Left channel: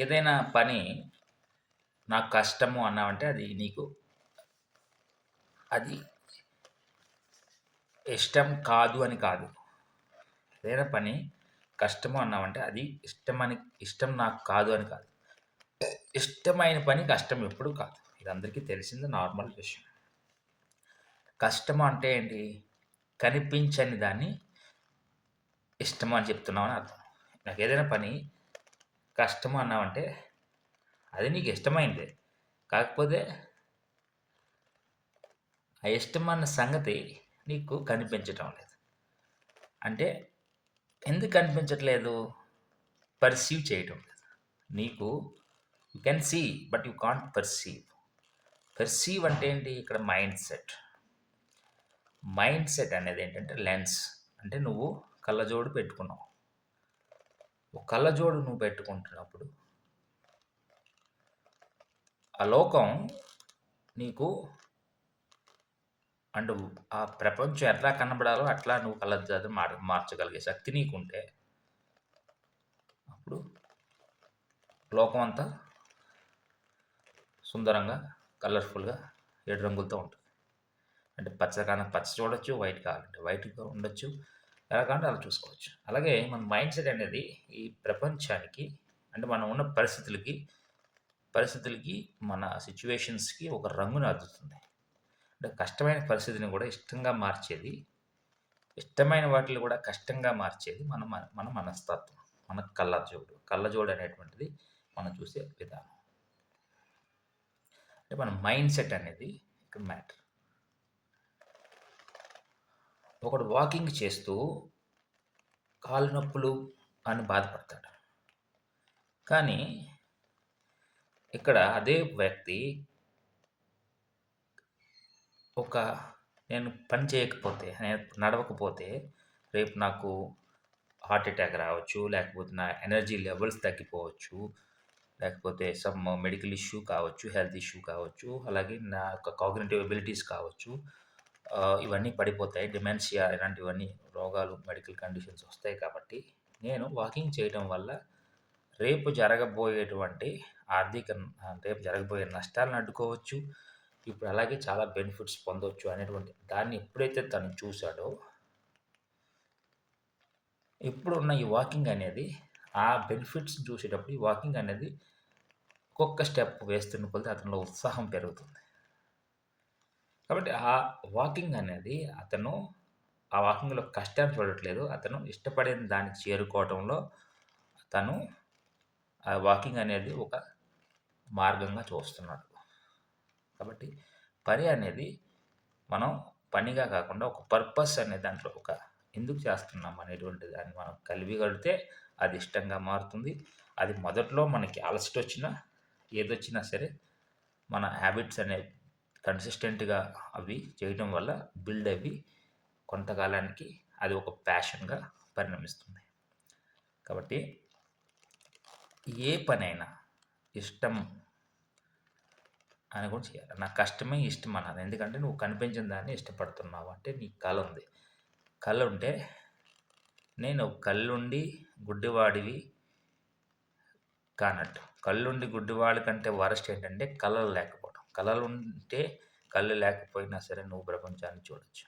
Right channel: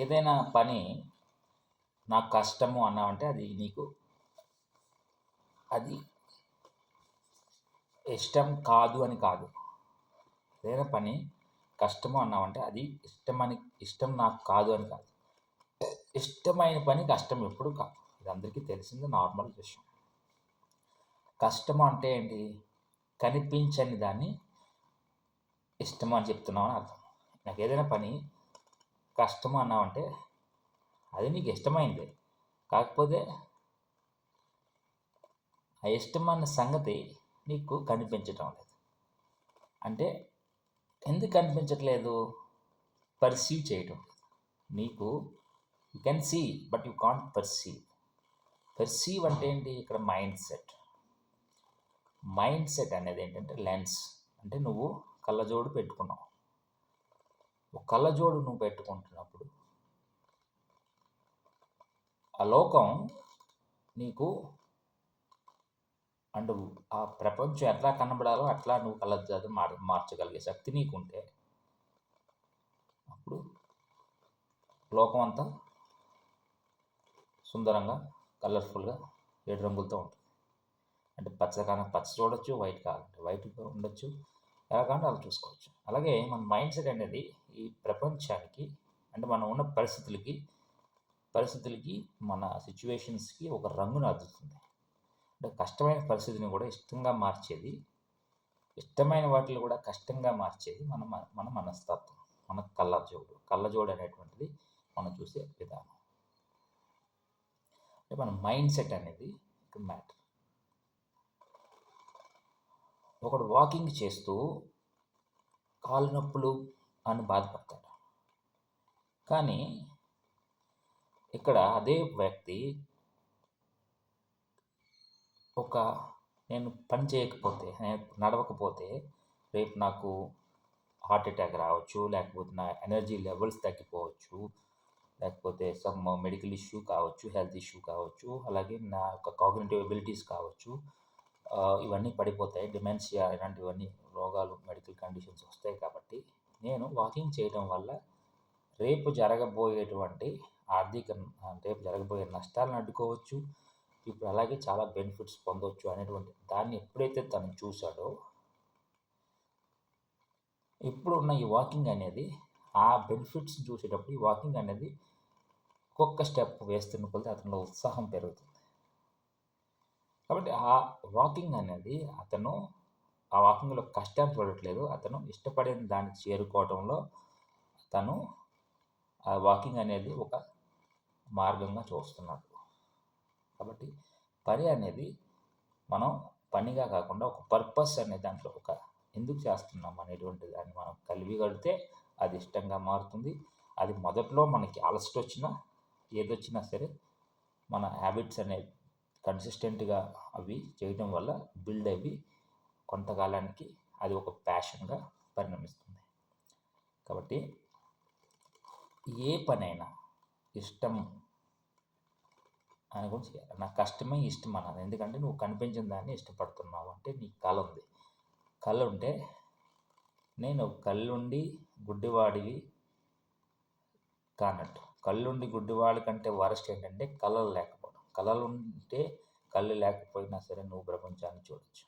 ఏదైనా పని నాకు కష్టము అన్నావంటే అది ఇష్టం కాదు అని కాదు. ఏదైనా పని కష్టము అన్నావంటే అది ఇష్టం నాకు కాదు అని కాదు. ఇష్టమైన పని కష్టం ఎప్పుడు కాదు. ఇది అందరికీ తెలిసింది నార్మల్ విషయం. కష్టము అంటే ఏంటి? కనిపించని దాన్ని ఇష్టము అని చెప్తున్నామని అర్థం. నాకు ఏదైనా పని కష్టము అన్నావంటే అది నీకు ఇష్టమైందే. కాకపోతే ఆ ఇష్టమన్న సంగతి నీకు కనిపించటం లేదు. అంటే ఎందుకు కనిపించట్లేదు? పర్సీవ్ చేయటం లేదు. నీకు you can see but you can't perceive. Perceive అంటే ఏంటి? ఇక్కడ మైండ్ సెట్. మైండ్ సెట్ అనేది ఏంటంటే లెన్స్. అంటే నువ్వు కళ్ళజోడు పెట్టుకున్నావు. కళ్ళజోడు నువ్వు పెట్టుకుంటున్నప్పుడు ఆ లోకం నీకు అండ్ ఆ ప్రపంచం ఎట్లా కనబడాలో అట్లా నువ్వు కళ్ళజోడు మార్చగలిగే శక్తి నీకుంటే అప్పుడు లోకం అంతా సుందరంగా కలర్ఫుల్గా 7 రంగులతో ఉంటుంది. అంటే పచ్చ చూడొచ్చు, వైట్ కావాలంటే వైట్గా ఉండొచ్చు, ఎలా కావాలంటే అలా చూసుకోవచ్చు. అలాగే మన మైండ్ సెట్ అనేది ఈ ప్రపంచానికి అంటే మనం ఉన్న పరిస్థితులకి మన సిచ్యువేషన్స్కి ఒక రంగును అద్దుతుంది. అంటే కష్టమైన పరిస్థితిని కూడా ఇష్టంగా మార్చేది, ఇష్టమైన వాటిని కూడా కష్టంగా మార్చేది మన మనస్తత్వం, మన కళ్ళజోడు అనేటువంటిది మనం చూసే విధానం. అంటే మన మైండ్ సెట్ అనేది ఇక్కడ మ్యాటర్. ఒకడు వాకింగ్ చేస్తూ కాళ్ళు నొప్పులు అని బాధపడతాడు. కానీ ఇక్కడ అదే వ్యక్తి నేను పని చేయకపోతే, నేను నడవకపోతే రేపు నాకు హార్ట్ అటాక్ రావచ్చు, లేకపోతే నా ఎనర్జీ లెవెల్స్ తగ్గిపోవచ్చు, లేకపోతే సమ్ మెడికల్ ఇష్యూ కావచ్చు, హెల్త్ ఇష్యూ కావచ్చు, అలాగే నా యొక్క కాగ్నిటివ్ ఎబిలిటీస్ కావచ్చు, ఇవన్నీ పడిపోతాయి. డిమెన్షియా ఇలాంటివన్నీ రోగాలు, మెడికల్ కండిషన్స్ వస్తాయి. కాబట్టి నేను వాకింగ్ చేయడం వల్ల రేపు జరగబోయే నష్టాలను అడ్డుకోవచ్చు. ఇప్పుడు అలాగే చాలా బెనిఫిట్స్ పొందవచ్చు అనేటువంటి దాన్ని ఎప్పుడైతే తను చూశాడో, ఇప్పుడున్న ఈ వాకింగ్ అనేది ఆ బెనిఫిట్స్ని చూసేటప్పుడు ఈ వాకింగ్ అనేది ఒక్కొక్క స్టెప్ వేస్తున్న కొద్దీ అతనిలో ఉత్సాహం పెరుగుతుంది. కాబట్టి ఆ వాకింగ్ అనేది ఆ వాకింగ్లో కష్టాన్ని చూడట్లేదు, అతను ఇష్టపడిన దానికి చేరుకోవటంలో తను ఆ వాకింగ్ అనేది ఒక మార్గంగా చూస్తున్నాడు. కాబట్టి పని అనేది మనం పనిగా కాకుండా ఒక పర్పస్ అనే దాంట్లో ఎందుకు చేస్తున్నాం అనేటువంటి దాన్ని మనం కలిగిగలిగితే అది ఇష్టంగా మారుతుంది. అది మొదట్లో మనకి అలసట వచ్చినా ఏదొచ్చినా సరే మన హ్యాబిట్స్ అనేవి కన్సిస్టెంట్గా అవి చేయడం వల్ల బిల్డ్ అవి కొంతకాలానికి అది ఒక ప్యాషన్గా పరిణమిస్తుంది. కాబట్టి ఏ పనైనా ఇష్టం అని కూడా చేయాలి. నాకు కష్టమే ఇష్టం అన్నాను. ఎందుకంటే నువ్వు కనిపించిన దాన్ని ఇష్టపడుతున్నావు అంటే నీకు కళ ఉంది. కళ ఉంటే నేను కళ్ళుండి గుడ్డివాడివి కానట్టు. కళ్ళుండి గుడ్డివాడి కంటే వరస్ట్ ఏంటంటే కళలు లేకపోవడం. కళలు ఉంటే కళ్ళు లేకపోయినా సరే నువ్వు ప్రపంచాన్ని చూడొచ్చు.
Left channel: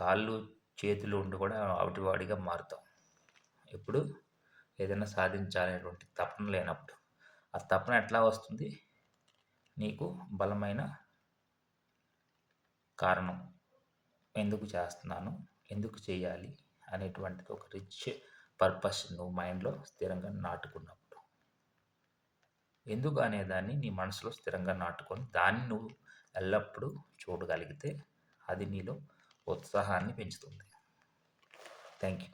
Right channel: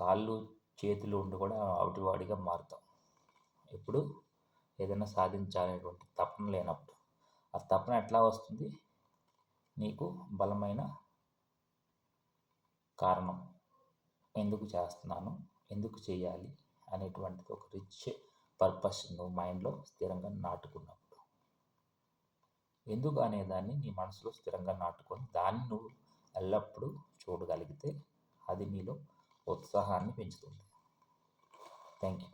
కాళ్ళు చేతులు ఉండి కూడా అవిటివాడిగా మారుతాం. ఎప్పుడు ఏదైనా సాధించాలనేటువంటి తపన లేనప్పుడు. ఆ తపన ఎట్లా వస్తుంది? నీకు బలమైన కారణం, ఎందుకు చేస్తున్నాను, ఎందుకు చేయాలి అనేటువంటిది ఒక రిచ్ పర్పస్ నువ్వు మైండ్లో స్థిరంగా నాటుకున్నప్పుడు, ఎందుకు అనేదాన్ని నీ మనసులో స్థిరంగా నాటుకొని దాన్ని నువ్వు ఎల్లప్పుడూ చూడగలిగితే అది నీలో ఉత్సాహాన్ని పెంచుతుంది. Thank you.